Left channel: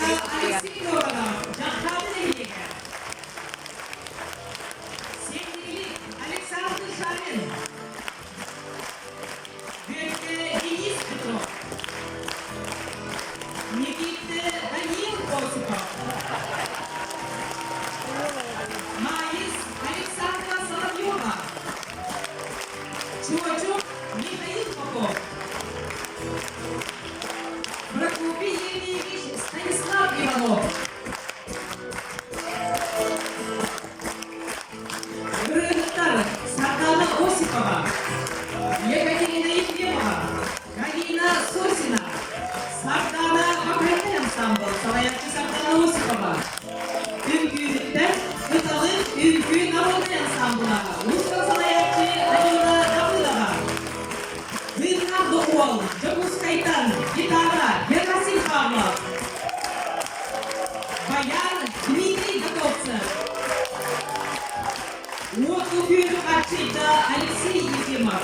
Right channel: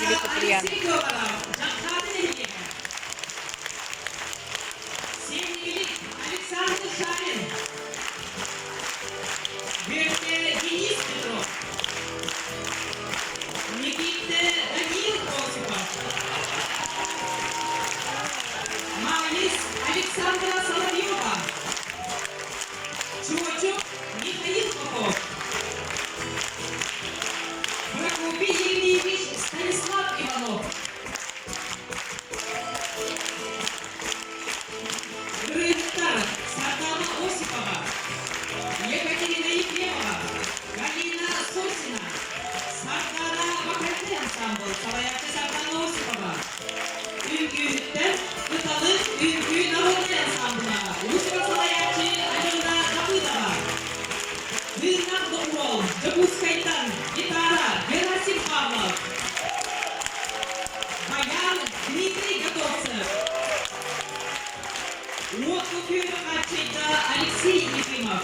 Кире Куприян. Александр Шарин. Верхняя Денис Петров. Никита Даниил Осипов. Марис Александра Соловьева. Чучук Михаил Попов. Прокопий Евгеньевич Станислав Иванов. Рыктар Сардана Осипова. Екатерина Ефремова. Галина Сосина. Сардана Вокальный ансамбль. Салаякчы Сардана Осипова. Үнгүлүктен Кыталык Үнгү народный ансамблына. Устан Салаякчы Алена Давыдова. Вырнар Докол. Жабускайтан. Гитара. Герасим Павлов. Баян Дмитрий Готовцев. Вот купюры отчета Алексей Ефимов.